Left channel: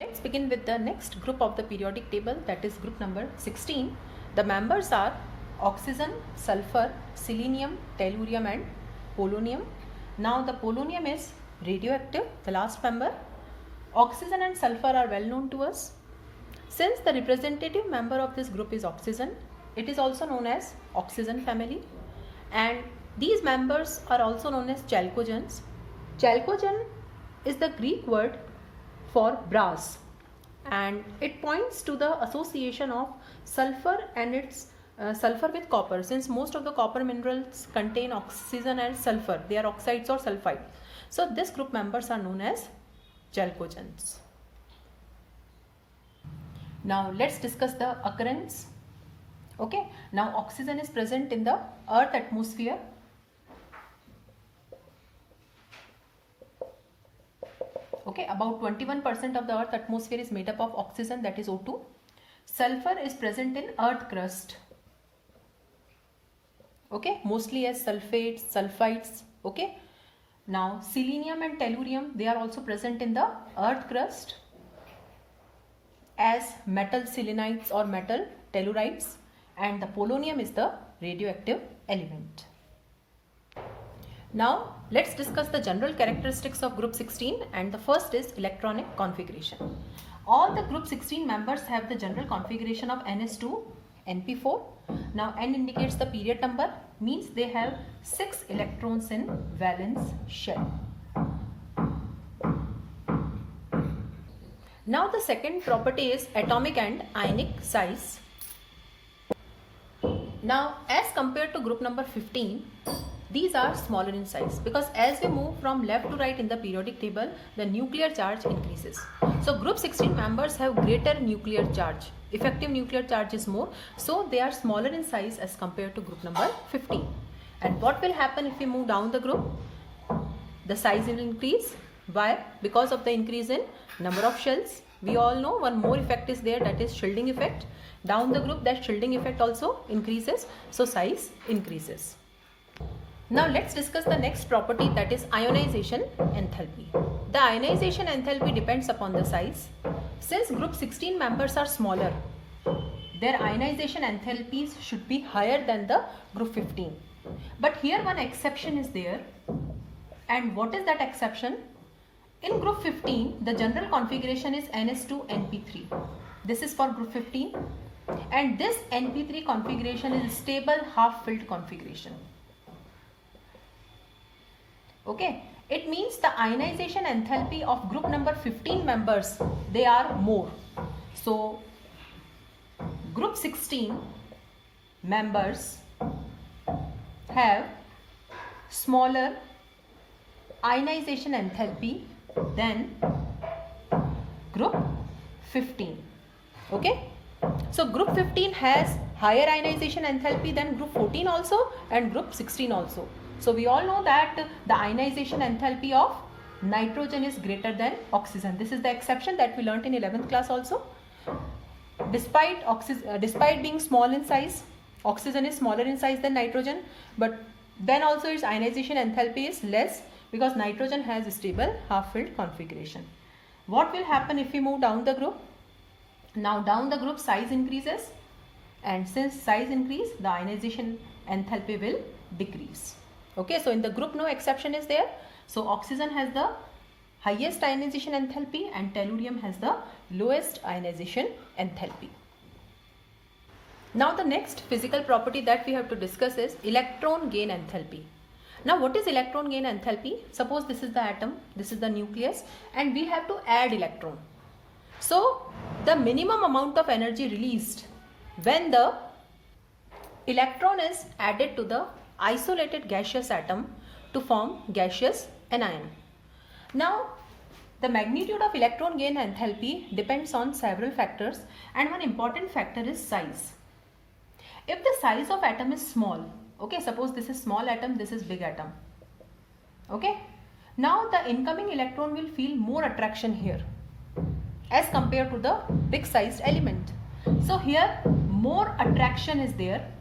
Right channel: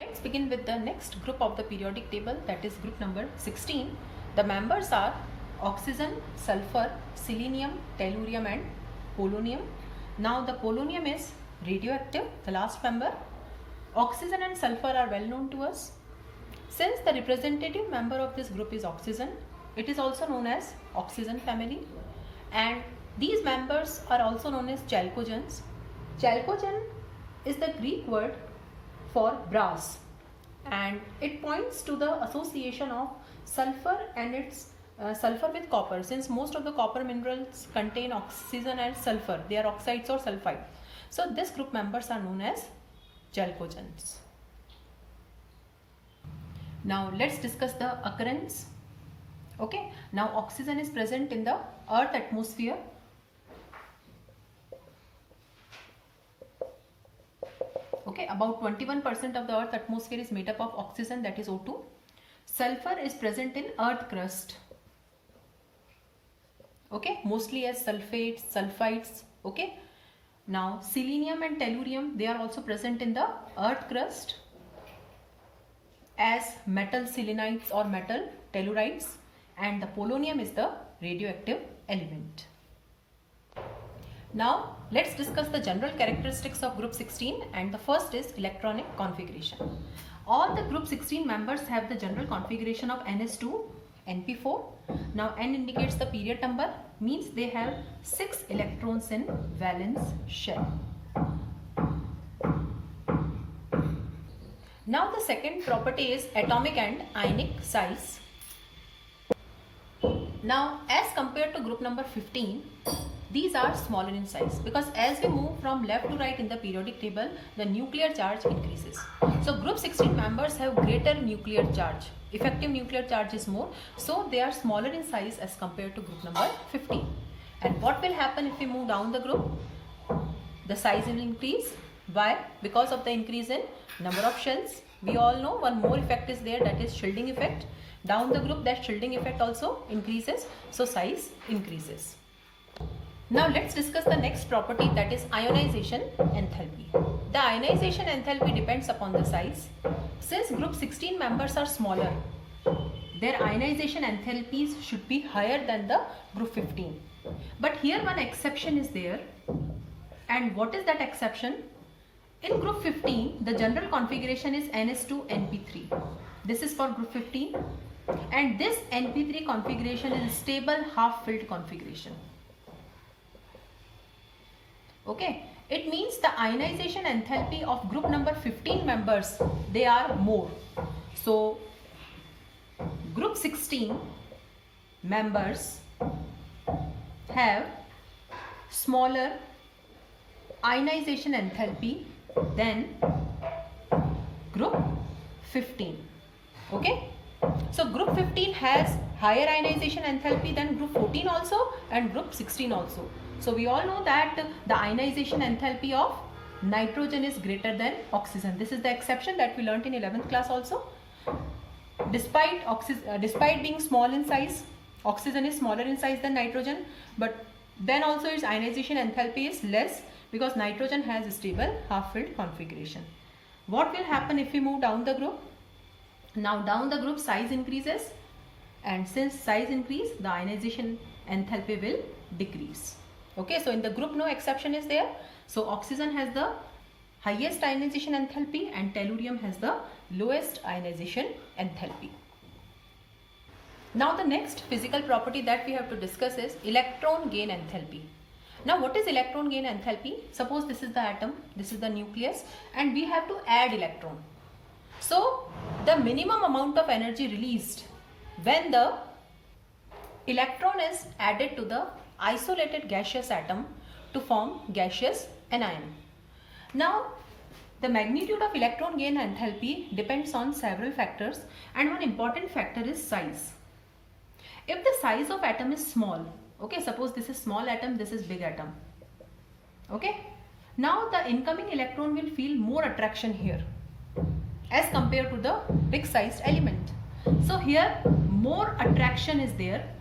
Let's begin with the next group of the periodic table, that is group number 16. The members are oxygen, sulfur, selenium, tellurium and polonium. Now the polonium is radioactive, the last member. Oxygen and sulfur are well known to us. Since the representative member of this group is oxygen, it is also known as oxygen family, and these members are also known as chalcogens. Chalcogen is the Greek word for brass, and it points to the association of sulfur and its sulfur with copper. Since most of the copper minerals contain oxygen and sulfur, they are oxides or sulfide. So this group members are known as chalcogens. Now let's discuss the occurrence. Okay, now oxygen is present in the earth atmosphere. Okay, about 21% of the earth atmosphere is made up of oxygen, that is O2. Sulfur is present in earth crust. Okay, mostly as sulfates, sulfides. Okay, now selenium and tellurium, they are also present in the earth crust as metal selenites or metal tellurides, and the polonium is the radioactive element. Now let's discuss the general characteristics of group 16, and the first is electronic configuration. All the group 16 members have the general configuration of Ns2 Np4. Now N indicates the period number, means they have 6 electrons in valence shell. Now the second property is atomic and ionic size. Now as compared to group number 15, these are smaller in size, because as we move from left to right in the periodic table, the nuclear charge increases. So group 16 members have greater nuclear charge. Effective nuclear charge is more, so they are smaller in size as compared to group number 15. And what will happen if we move down the group? The size will increase. Why? Because of the increase in number of shells. We all know one more effect is there, that is shielding effect. Down the group, that shielding effect also increases, so size increases. Now let's discuss the next property, that is ionization enthalpy. The ionization enthalpy depends upon the size. Since group 16 members are smaller, their ionization enthalpies should be higher than the group 15. But here one exception is there. And what is that exception? In group 15, the general configuration is Ns2Np3. This is for group 15. And this Np3 configuration is stable half-filled configuration. Okay, it means the ionization enthalpy of group number 15 members, they are more. So group 16 members have smaller ionization enthalpy than group 15. Okay, so group 15 has higher ionization enthalpy than group 14 also and group 16 also. So we all know that the ionization enthalpy of nitrogen is greater than oxygen. This is the exception that we learnt in 11th class also. Despite being small in size, oxygen is smaller in size than nitrogen, but then also its ionization enthalpy is less because nitrogen has a stable half-filled configuration. What will happen if we move down the group? Now down the group, size increases, and since size increase, the ionization enthalpy will decrease. Okay, so in the group no exception is there. So oxygen has the highest ionization enthalpy and tellurium has the lowest ionization enthalpy. Now the next physical property that we have to discuss is electron gain enthalpy. Now what is electron gain enthalpy? Suppose this is the atom, this is the nucleus, and we have to add electron. So the minimum amount of energy released when the electron is added to the isolated gaseous atom to form gaseous anion. Now the magnitude of electron gain enthalpy depends on several factors, and one important factor is size. If the size of atom is small, okay, suppose this is small atom, this is big atom, okay, now the incoming electron will feel more attraction here as compared to the big sized element. So here more attraction is there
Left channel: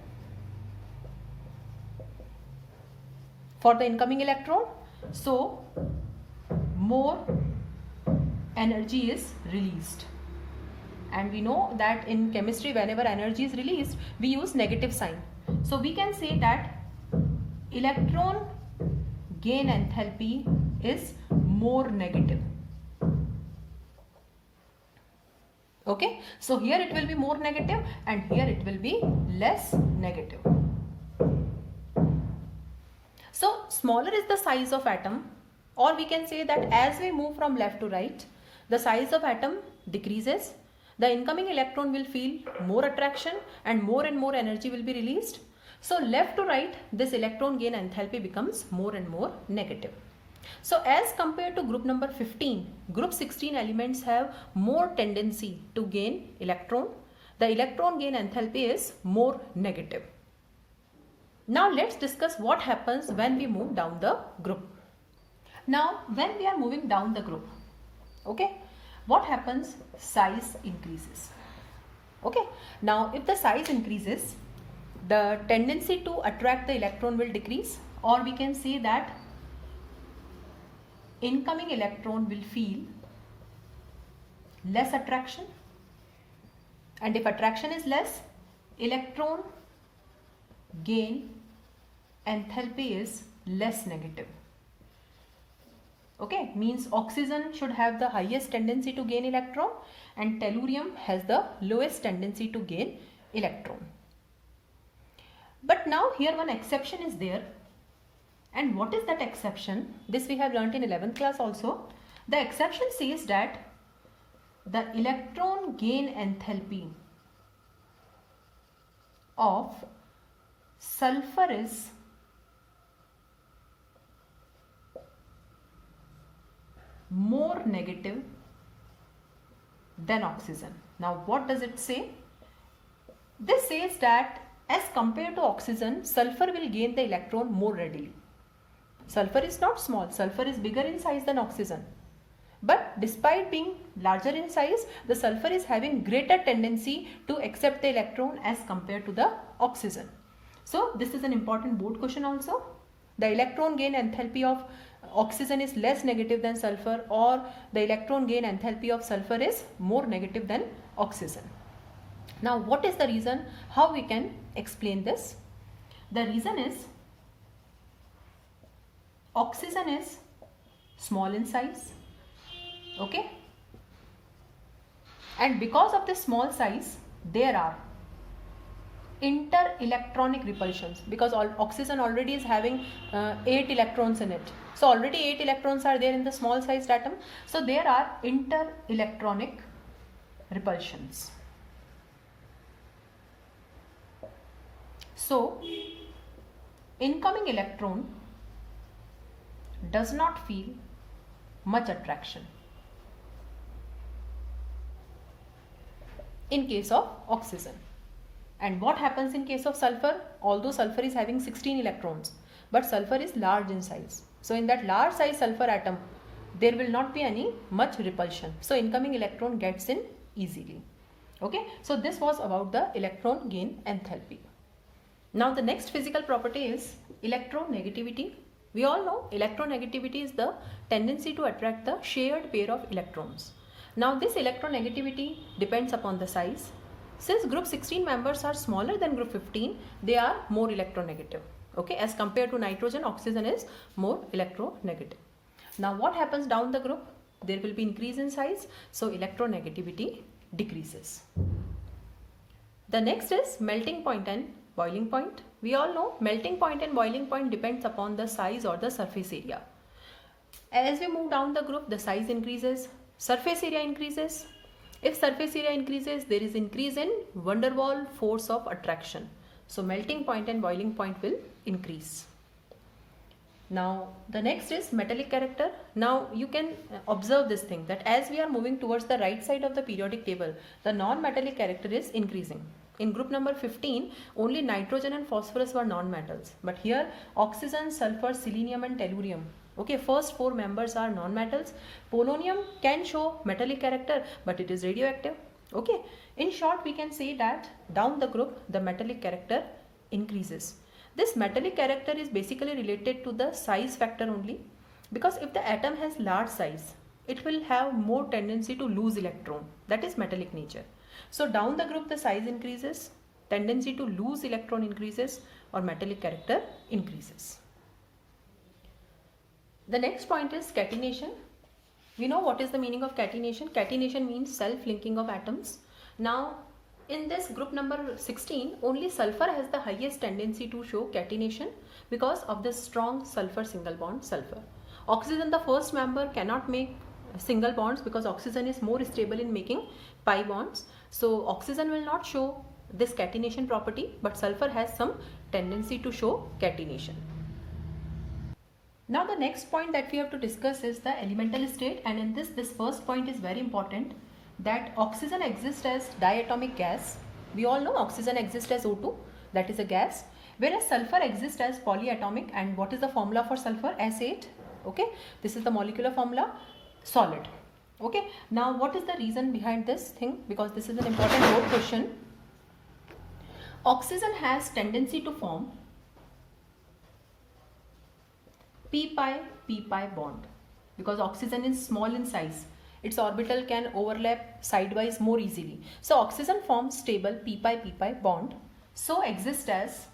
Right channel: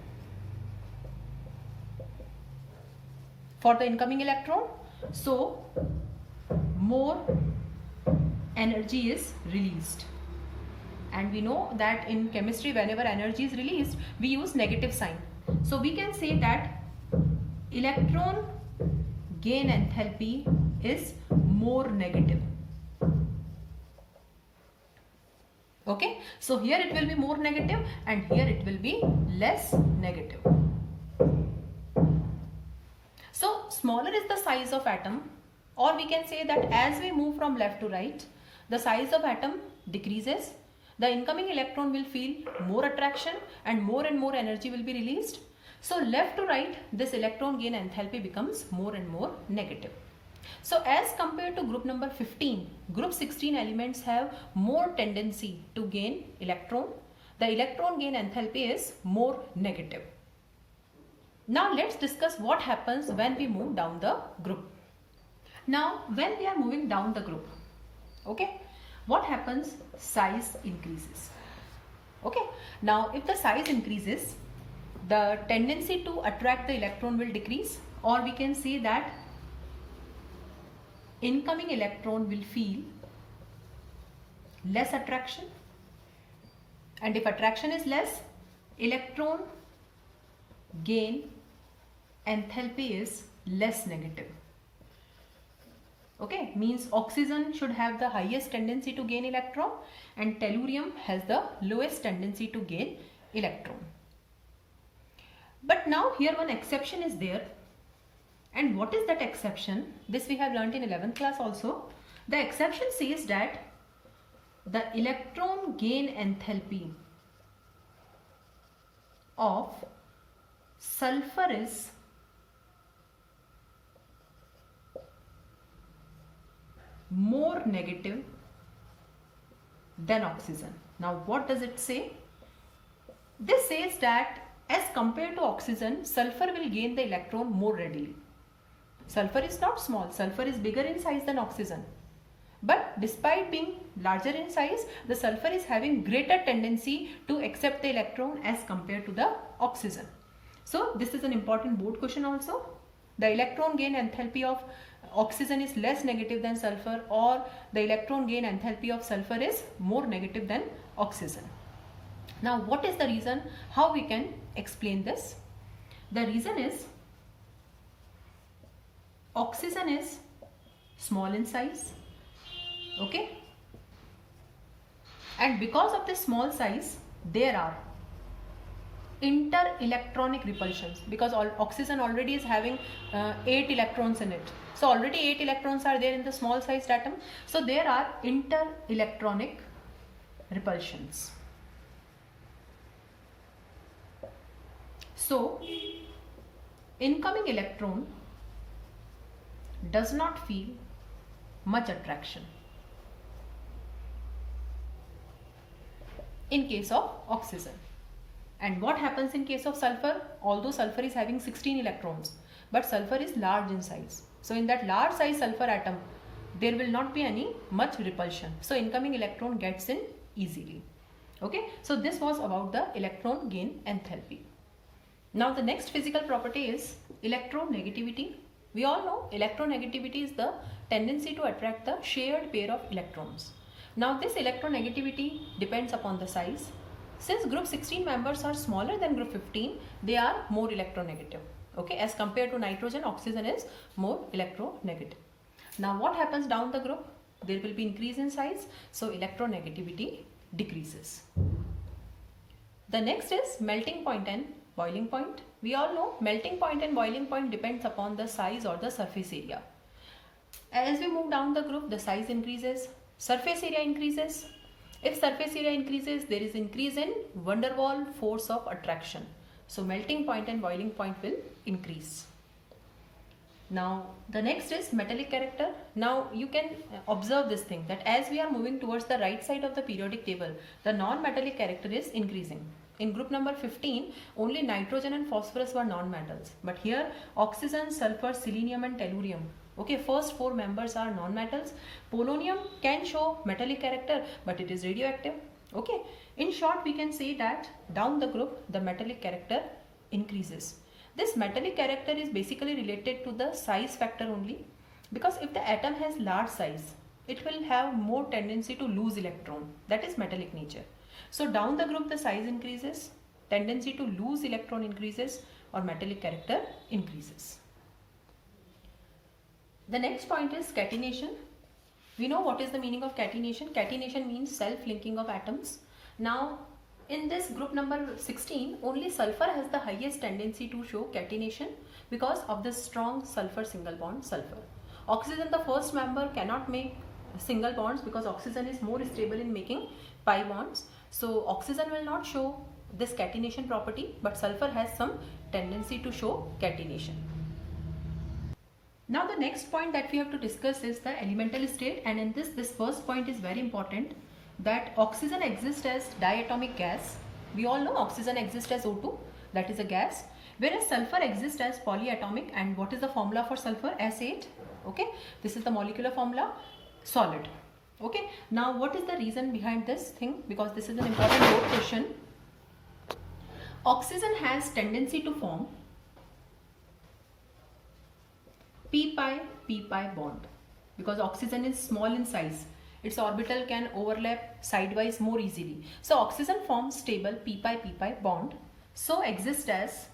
for the incoming electron, so more energy is released. And we know that in chemistry, whenever energy is released, we use negative sign. So we can say that electron gain enthalpy is more negative. Okay, so here it will be more negative and here it will be less negative. So smaller is the size of atom, or we can say that as we move from left to right, the size of atom decreases. The incoming electron will feel more attraction and more energy will be released. So left to right, this electron gain enthalpy becomes more and more negative. So as compared to group number 15, group 16 elements have more tendency to gain electron. The electron gain enthalpy is more negative. Now let's discuss what happens when we move down the group. Now when we are moving down the group, okay, what happens? Size increases. Okay, now if the size increases, the tendency to attract the electron will decrease, or we can say that incoming electron will feel less attraction, and if attraction is less, electron gain enthalpy is less negative. Okay, means oxygen should have the highest tendency to gain electron and tellurium has the lowest tendency to gain electron. But now here one exception is there. And what is that exception? This we have learnt in 11th class also. The exception says that the electron gain enthalpy of sulfur is more negative than oxygen. Now what does it say? This says that as compared to oxygen, sulfur will gain the electron more readily. Sulfur is not small, sulfur is bigger in size than oxygen. But despite being larger in size, the sulfur is having greater tendency to accept the electron as compared to the oxygen. So this is an important board question also. The electron gain enthalpy of oxygen is less negative than sulfur, or the electron gain enthalpy of sulfur is more negative than oxygen. Now what is the reason? How we can explain this? The reason is oxygen is small in size, okay, and because of this small size there are inter-electronic repulsions, because oxygen already is having 8 electrons in it. So already 8 electrons are there in the small sized atom. So there are inter-electronic repulsions. So incoming electron does not feel much attraction in case of oxygen. And what happens in case of sulfur? Although sulfur is having 16 electrons, but sulfur is large in size. So in that large size sulfur atom, there will not be any much repulsion. So incoming electron gets in easily. Okay, so this was about the electron gain enthalpy. Now the next physical property is electronegativity. We all know electronegativity is the tendency to attract the shared pair of electrons. Now this electronegativity depends upon the size. Since group 16 members are smaller than group 15, they are more electronegative. Okay, as compared to nitrogen, oxygen is more electronegative. Now what happens down the group? There will be increase in size, so electronegativity decreases. The next is melting point and boiling point. We all know melting point and boiling point depends upon the size or the surface area. As we move down the group, the size increases, surface area increases. If surface area increases, there is increase in van der Waals force of attraction. So melting point and boiling point will increase. Now the next is metallic character. Now you can observe this thing, that as we are moving towards the right side of the periodic table, the non-metallic character is increasing. In group number 15, only nitrogen and phosphorus were non-metals. But here oxygen, sulfur, selenium and tellurium. Okay, first 4 members are non-metals. Polonium can show metallic character, but it is radioactive. Okay, in short we can say that down the group the metallic character increases. This metallic character is basically related to the size factor only, because if the atom has large size, it will have more tendency to lose electron, that is metallic nature. So down the group the size increases, tendency to lose electron increases, or metallic character increases. The next point is catenation. We know what is the meaning of catenation. Catenation means self-linking of atoms. Now in this group number 16, only sulfur has the highest tendency to show catenation because of the strong sulfur single bond sulfur. Oxygen, the first member, cannot make single bonds because oxygen is more stable in making pi bonds. So oxygen will not show this catenation property, but sulfur has some tendency to show catenation. Now the next point that we have to discuss is the elemental state, and in this first point is very important, that oxygen exists as diatomic gas. We all know oxygen exists as O2, that is a gas, whereas sulfur exists as polyatomic. And what is the formula for sulfur? S8. Okay, this is the molecular formula, solid. Okay, now what is the reason behind this thing? Because this is an important board question. Oxygen has tendency to form p-pi bond because oxygen is small in size. Its orbital can overlap sidewise more easily. So oxygen forms stable p-pi bond. So exists as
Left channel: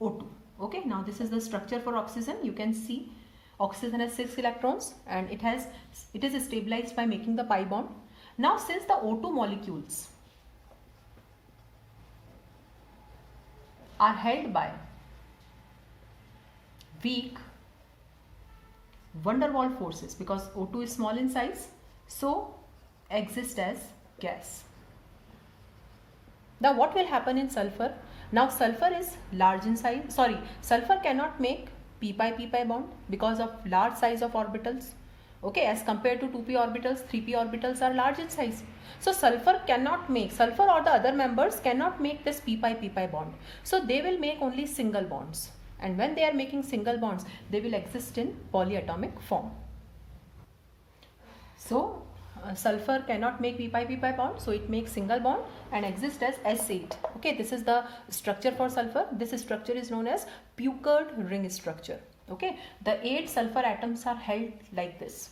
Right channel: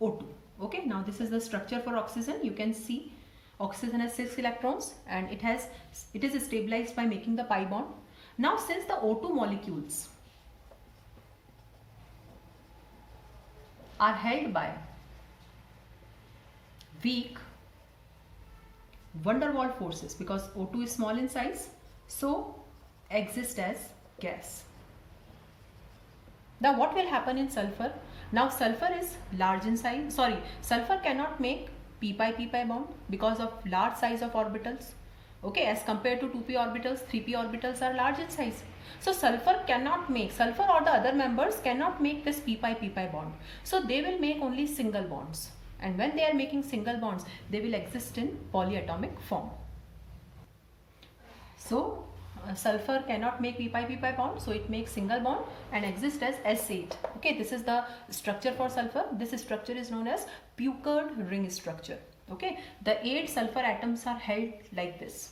O2. Okay, now this is the structure for oxygen. You can see oxygen has 6 electrons and it is stabilized by making the pi bond. Now since the O2 molecules are held by weak van der Waals forces, because O2 is small in size, so exist as gas. Now what will happen in sulfur? Now sulfur is large in size, sulfur cannot make p-pi bond because of large size of orbitals. Okay, as compared to 2p orbitals, 3p orbitals are large in size. So sulfur or the other members cannot make this p-pi bond. So they will make only single bonds. And when they are making single bonds, they will exist in polyatomic form. So sulfur cannot make p-pi bond, so it makes single bond and exists as S8. Okay, this is the structure for sulfur. This structure is known as puckered ring structure. Okay, the 8 sulfur atoms are held like this.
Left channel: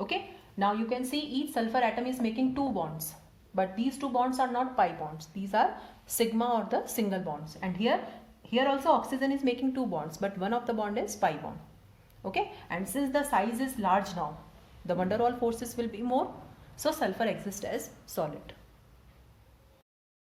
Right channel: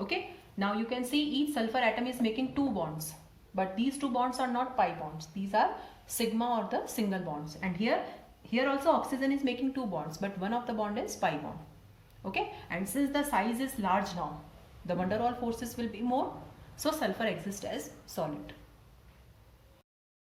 Okay, now you can see each sulfur atom is making 2 bonds, but these 2 bonds are not pi bonds. These are sigma or the single bonds. And here also oxygen is making 2 bonds, but one of the bond is pi bond. Okay, and since the size is large now, the van der Waals forces will be more, so sulfur exists as solid.